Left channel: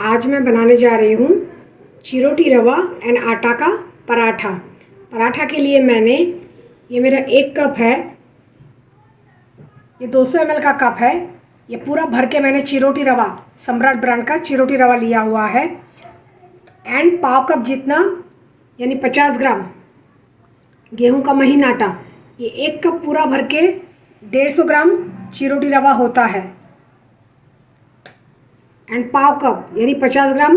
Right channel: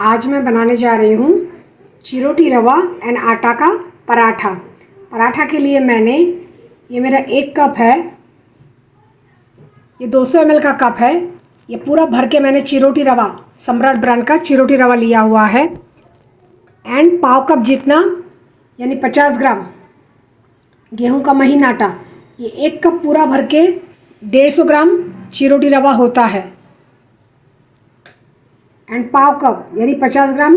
आज मैं बनाने जा रही हूँ चिरोटी रवा एंड आटा का पराठा। पराठा के लिए मैंने ये मेरा 1 कप है, ये 200 ml का कप है। ये पूरा भर के मैंने चिरोटी रवा, सम्राट ब्रांड का चिरोटी रवा लिया हुआ है। एंड पाव कप जितना यानी 50 ग्राम गेहूं का महीन आटा। ये 1 कप पूरा भर के 150 ग्राम चिरोटी रवा होता है। एंड पाव कप यानी 50 ग्राम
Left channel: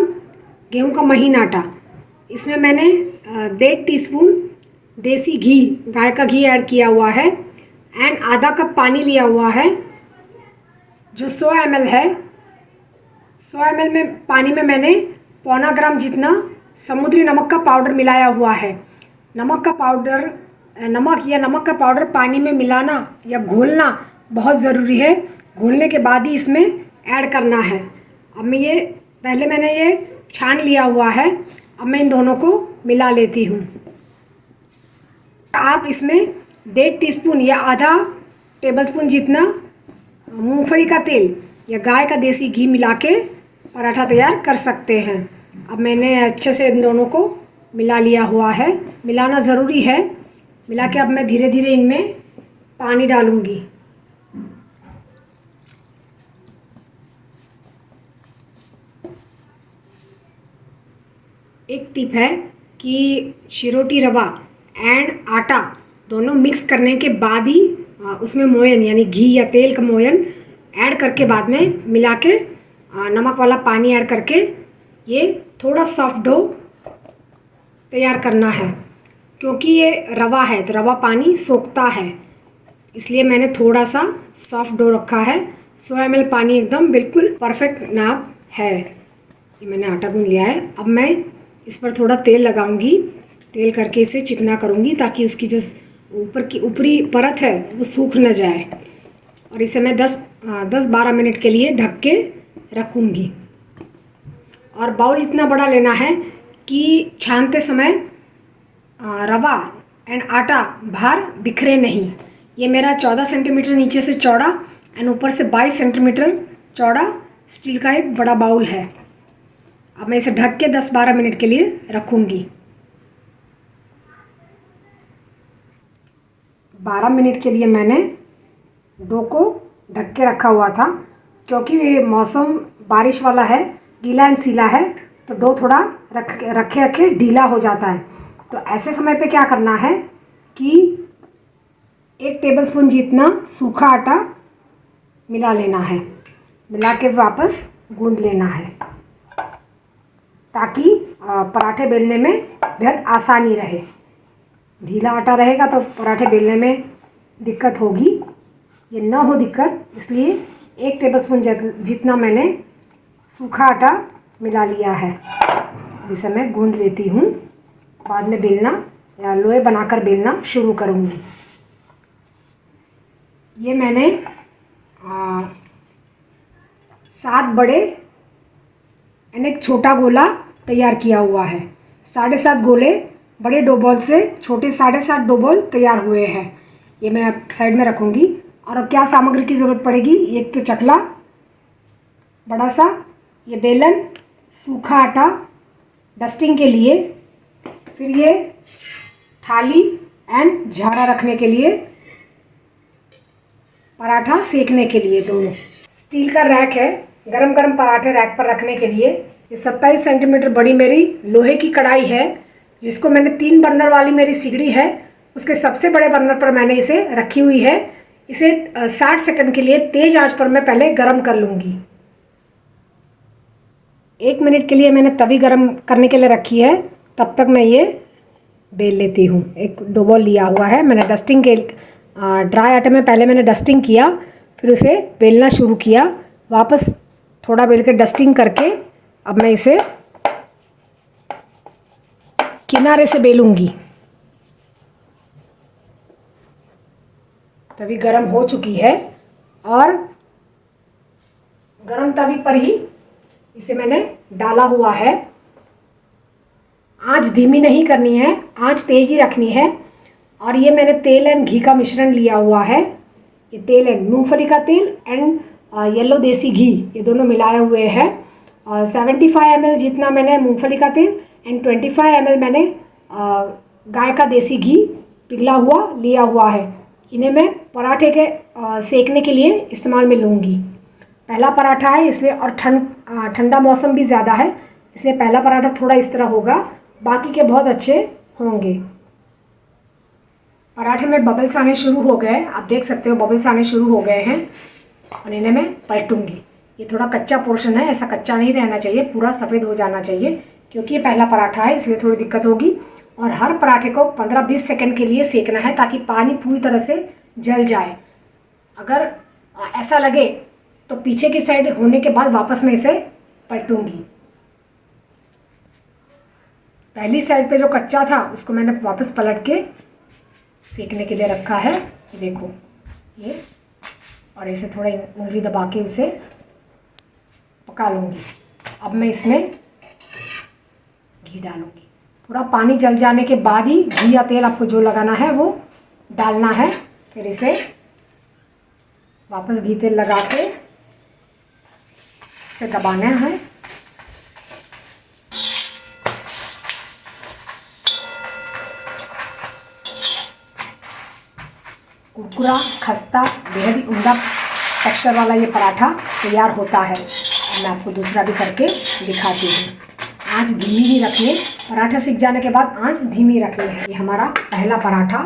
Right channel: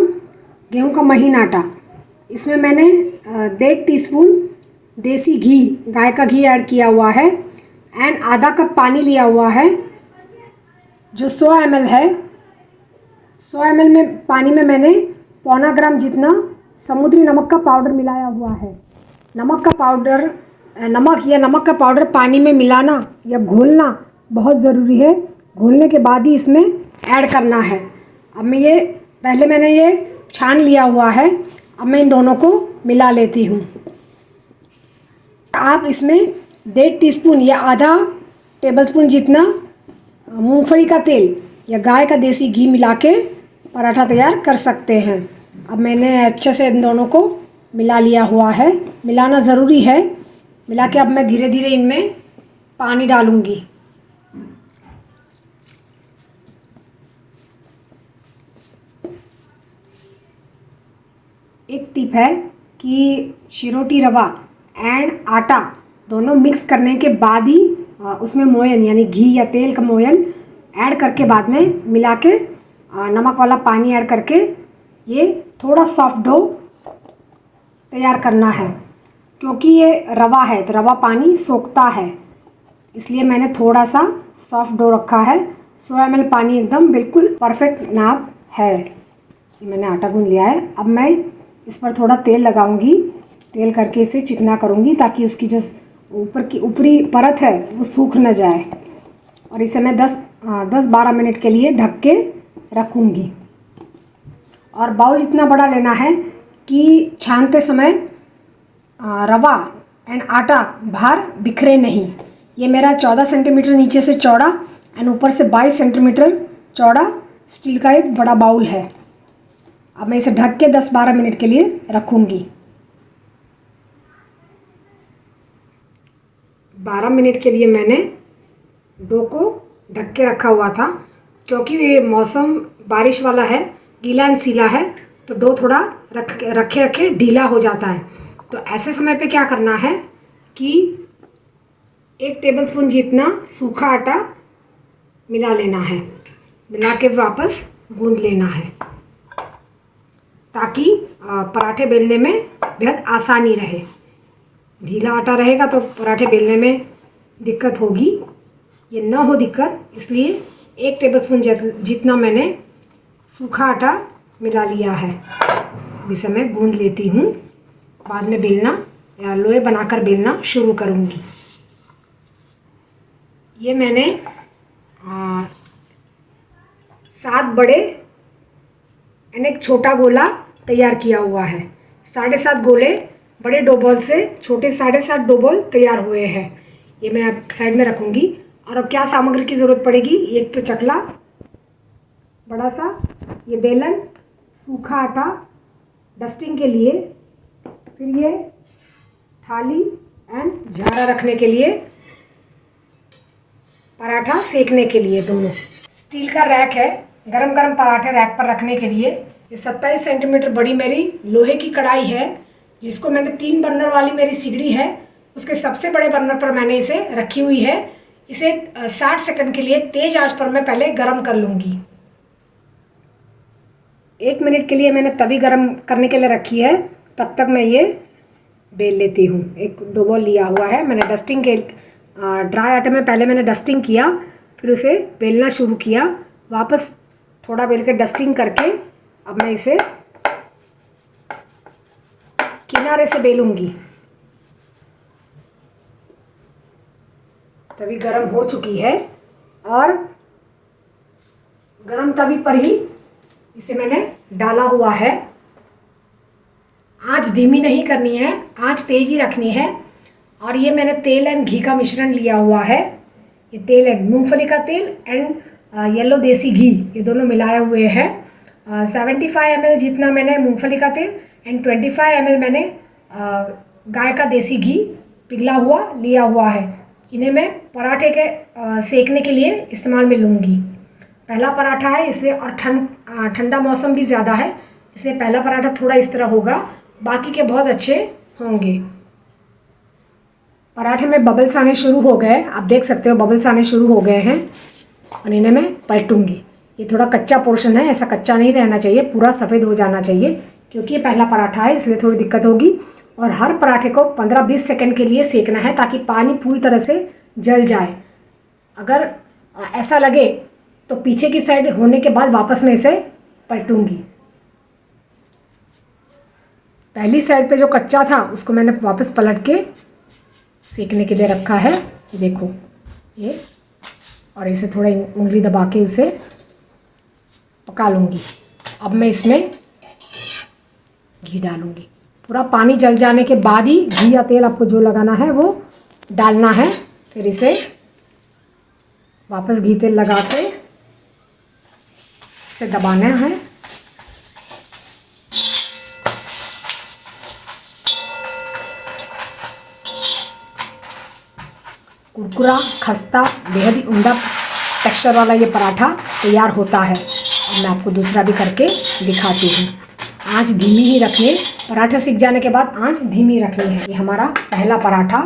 गेहूं का महीन आटा। इसमें मैंने 1.5 टीस्पून देसी घी, गाय का घी ऐड किया हुआ है। एंड आधा कप पानी लिया हुआ है जो 100 ml है। 100 ml में पानी में मैंने 0.25 ग्राम जितना समुद्री नमक का पाउडर मिलाया हुआ है। नमक या नमक का पाउडर पानी में मिलाना या घोलना बहुत ज़रूरी है। घोलने के बाद ही इसमें ऐड करना है। अब पहले मैंने ये छान लिया हुआ है। अब मैं इन दोनों को मिला लेती हूँ। आप इसमें 1.5 टीस्पून या आधा टेबलस्पून जितना मूंगफली का तेल या गाय का देसी घी मिला के पराठा तैयार कर सकते हैं। अब मैंने अच्छे से इन दोनों को मिला लिया हुआ है। मिलाना ज़रूरी है। मिला के अब मैं धीरे धीरे इनमें पानी डालूँगी। एक टिप है कि चिरोटी रवा एंड आटा दोनों मिक्स करने के बाद ही उसमें मोयन यानी घी या तेल का मोयन ऐड करके बाद में मिला के नमक वाला पानी ऐड करके ये थोड़ा सॉफ्ट डो तैयार करना है। क्योंकि ये रवा है तो रवा पानी सोखता है, इसलिए मैंने थोड़ा सा सॉफ्ट डो रखा है। 100 ml पानी एकदम बिल्कुल परफेक्ट नाप है। ये मैंने आटा गूंद लिया है। अब मैं इस पर थोड़ा तेल लगाऊंगी। तेल करके इसे चिकना करूंगी ताकि उसकी जो ऊपर की ऊपरी परत है वो सूख न जाए। और इसे मैं 10-12 मिनट के लिए ढक के रखूंगी। और बाउल इतना बड़ा लेना है कि छानते समय रवा एंड आटा बाहर बिखरे नहीं। ये मेरा 14 सेंटीमीटर नीचे से चौड़ा एंड ऊपर से 22 सेंटीमीटर चौड़ा स्टील का एक बड़ा बाउल है। अब मैं इसे ढक के 10-12 मिनट के लिए रखूँगी। 12 मिनट के लिए मैंने डो को ढक के रखा हुआ था। क्योंकि ये मौसम बारिश वाला है, गीला एंड सीला है, तो डो थोड़ा रखे ढीला हो जाता है। तो ऐसे समय पे क्या करना है कि 1 टेबलस्पून जितना सूखा आटा मिला लेना है। मिला के वापस गूंद लेना है ताकि पराठे बेलने में बेहद आसानी रहे। ढीला आटा रहेगा तो पराठे बेलने में दिक्कत होगी। ये ना हो दिक्कत, इसलिए 1 टेबलस्पून जितना मैंने सूखा आटा मिला लिया है। इसे मैं गूंद लेती हूँ। बाद में बेलना या लोई बनाकर बेलना शुरू करूँगी। ये मैंने 7 बड़े एंड एक छोटा गोला तैयार किया हुआ है। 7.5 गोले बड़े डो बॉल से छोटे 7.5 डो बॉल तैयार हुए हैं। ये मैं अब साइड में रखूँगी। और अब क्या सामग्री की ज़रूरत पड़ेगी? एक तो चकला बड़ा सा, ये बेलन, सूखा आटा डस्टिंग के लिए, फिर ये थाली एंड झाड़ा रखने के लिए, पराठा सेकने के लिए दोनों। स्टील का रैक है गरम गरम पराठे रैक पर रखने के लिए। ये 27 सेंटीमीटर बड़ी मेरी लोहे की कढ़ाई है, जिसको मैंने 3 बर्नर वाली मेरी सिगड़ी है उसके सबसे बड़े बर्नर पर मैंने इसे रखी हुई है। इसे 60 सेकंड के लिए तेज़ आंच पर मैं पहले गरम कर लूँगी। 1 मिनट के लिए मैंने तवी गरम करने के लिए रखी है। तब तक मैं ये बेल लेती हूँ। एक डो बॉल लिया हुआ है मैंने डस्टिंग के ड्राई आटे में पहले मैंने डस्टिंग किया, फिर उसे बेलना शुरू किया। वापस थोड़ा बेल के डस्टिंग करके अब मैं इसे किनारे से बेलूँगी। तवी गरम हो चुकी है और गरम तवी पर ही इसे मैंने डाला हुआ है। आंच धीमी नहीं करनी है, आंच तेज ही रखनी है। और ये मैंने तेल एंड घी का मिश्रण लिया हुआ है। ये तेल एंड मूंगफली का तेल एंड येलो देसी घी, ये दोनों मिलाए हुए हैं। 75 ml जितना मैंने मूंगफली का तेल एंड 25 ml मैंने गाय का देसी घी पिघला हुआ लिया हुआ है। इन्हें मैं पराठे के सेकने के लिए इस्तेमाल में लूँगी। पहला पराठा है इसलिए, और ठंडा मौसम भी ज़्यादा है इसलिए पहला पराठा थोड़ा इस तरह होगा, बाकी के बहुत अच्छे होंगे। पराठे में बबल्स आने शुरू हो गए, आप देख सकते हो बबल्स आने शुरू हो गए हैं और इन्हें मैं पलटूंगी। ये थोड़ा कच्चा पोर्शन है, ऐसा कच्चा नहीं रहना चाहिए, पूरा सफ़ेद हो जाना चाहिए, क्योंकि ये पहला पराठा है इसलिए थोड़ी दिक्कत होगी। और हर पराठे को 15-20 सेकंड के लिए सेकना है ताकि पानी पूरी तरह से जल जाए। अगर ऐसा लगे तो पीछे की साइड होने के बाद वापस मैं इसे पलटूंगी। पहली साइड पे जो कच्चा था उसको मैंने वापस पलट के सेकने के लिए रखा है, देखो ये, और इसे थोड़ा उंगली दबा के उसे पका लूँगी। अब मैं इसमें घी डालूँगी। पूरा पानी जल जाने के बाद ही घी या तेल आपको जो लगाना है वो डालना है। फिर इसे वापस घी तेल लगा के इसे दबाना है। कुरकुरा, खस्ता, बेहद ही उम्दा टेक्सचर वाला ये पराठा तैयार होता है। और मैं आपको दूसरा भी करके दिखाती हूँ। आंच धीमी ही रखनी है, पराठा सीख जाने के बाद आंच धीमी रखनी है। ये हमारा पहला पराठा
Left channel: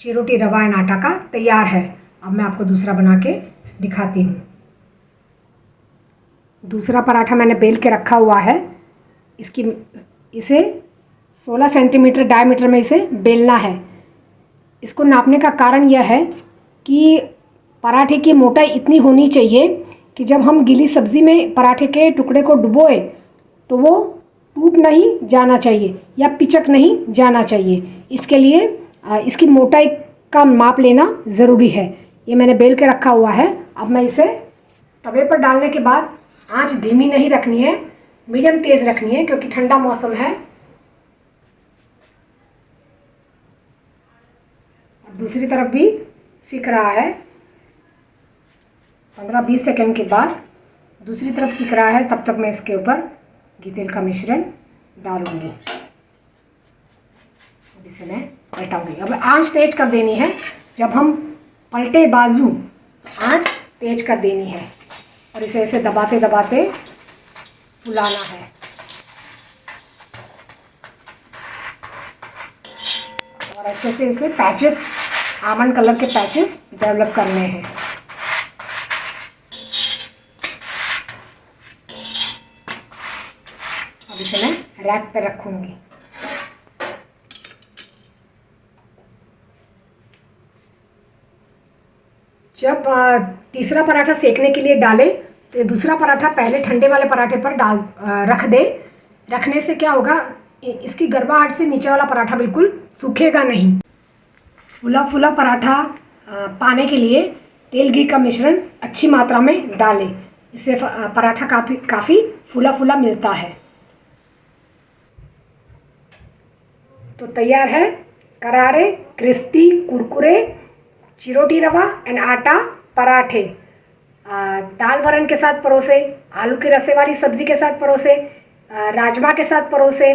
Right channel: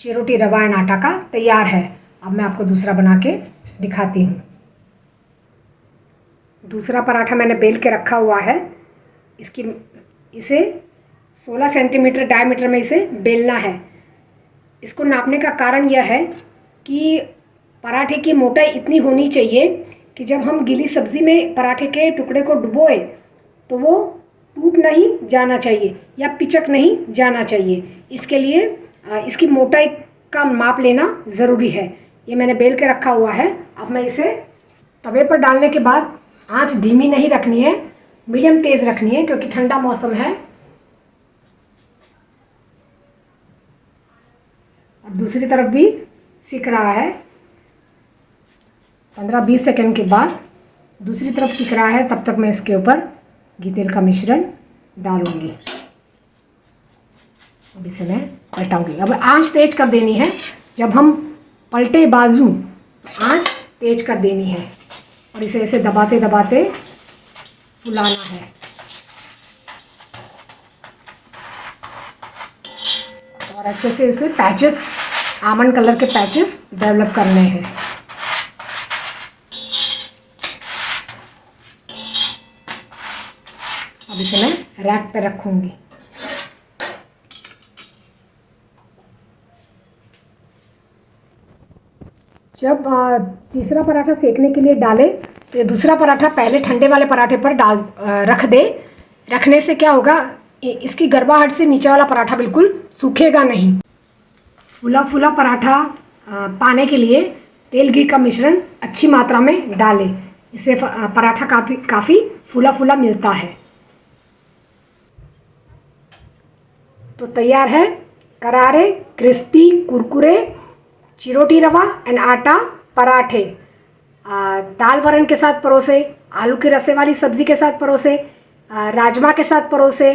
चिरोटी रवा एंड आटा का तैयार है। अब मैं आपको दूसरा बना के दिखाती हूँ। दूसरा पराठा मैंने बेल के रखा हुआ है। इसे 16 सेंटीमीटर डायमीटर में इसे बेलना है। इसको नापने का कारण यह है कि पराठे की मोटाई इतनी होनी चाहिए कि जब हम गीली सब्ज़ी में पराठे के टुकड़े को डुबोए तो वो टूट नहीं जाना चाहिए या पिचक नहीं जाना चाहिए। इसके लिए इसकी मोटाई का माप लेना ज़रूरी है। ये मैंने बेल के रखा हुआ है। अब मैं इसे तवे पर डालने के बाद आंच धीमी नहीं रखनी है, मीडियम तेज़ रखनी है, क्योंकि ठंडा मौसम है। अब दूसरी तरफ भी सिक रहा है। 15-20 सेकंड के बाद दूसरी तरफ सिक रहा है, तब तक मैं इसके ऊपर घी तेल का मिश्रण डालूंगी। अब इसे मैं पलटाऊंगी। अब आंच तेज कर देनी है। जब हम पलटे बाजू आंच तेज कर देनी है और इसे ऐसे दबाते दबाते फुलाना है। और अच्छे से इसे पैचेस, आमंड कलर के पैचेस डेवलप करने हैं। अब इसे मैं रैक पे रखूंगी। जब तीसरा पराठा सेकने के लिए डालें तो ये दूसरा पराठा पहले ठंडे वाले पराठे पर रख दे। रखने से क्या होगा, इसकी गर्माहट से नीचे वाला पराठा बिल्कुल सूखेगा नहीं। फूला फूला पराठा पाने के लिए तेल घी का मिश्रण अच्छी मात्रा में डालें। इससे पराठा काफ़ी फूला फूला मिलता है। तो तैयार है करारे, क्रिस्पी, कुरकुरे चिरोटी रवा एंड आटा पराठे। दाल वरण के साथ परोसे, आलू के रसे वाली सब्ज़ी के साथ परोसे, राजमा के साथ परोसे,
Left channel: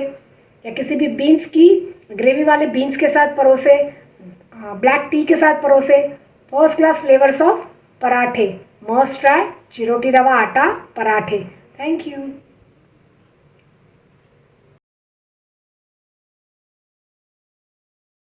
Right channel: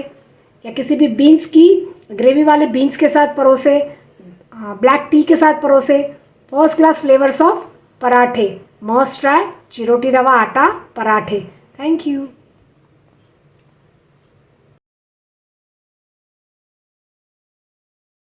या किसी भी बीन्स की ग्रेवी वाले बीन्स के साथ परोसे, ब्लैक टी के साथ परोसे। फर्स्ट क्लास फ्लेवर्स ऑफ पराठे। मस्ट ट्राई चिरोटी रवा आटा पराठे। Thank you.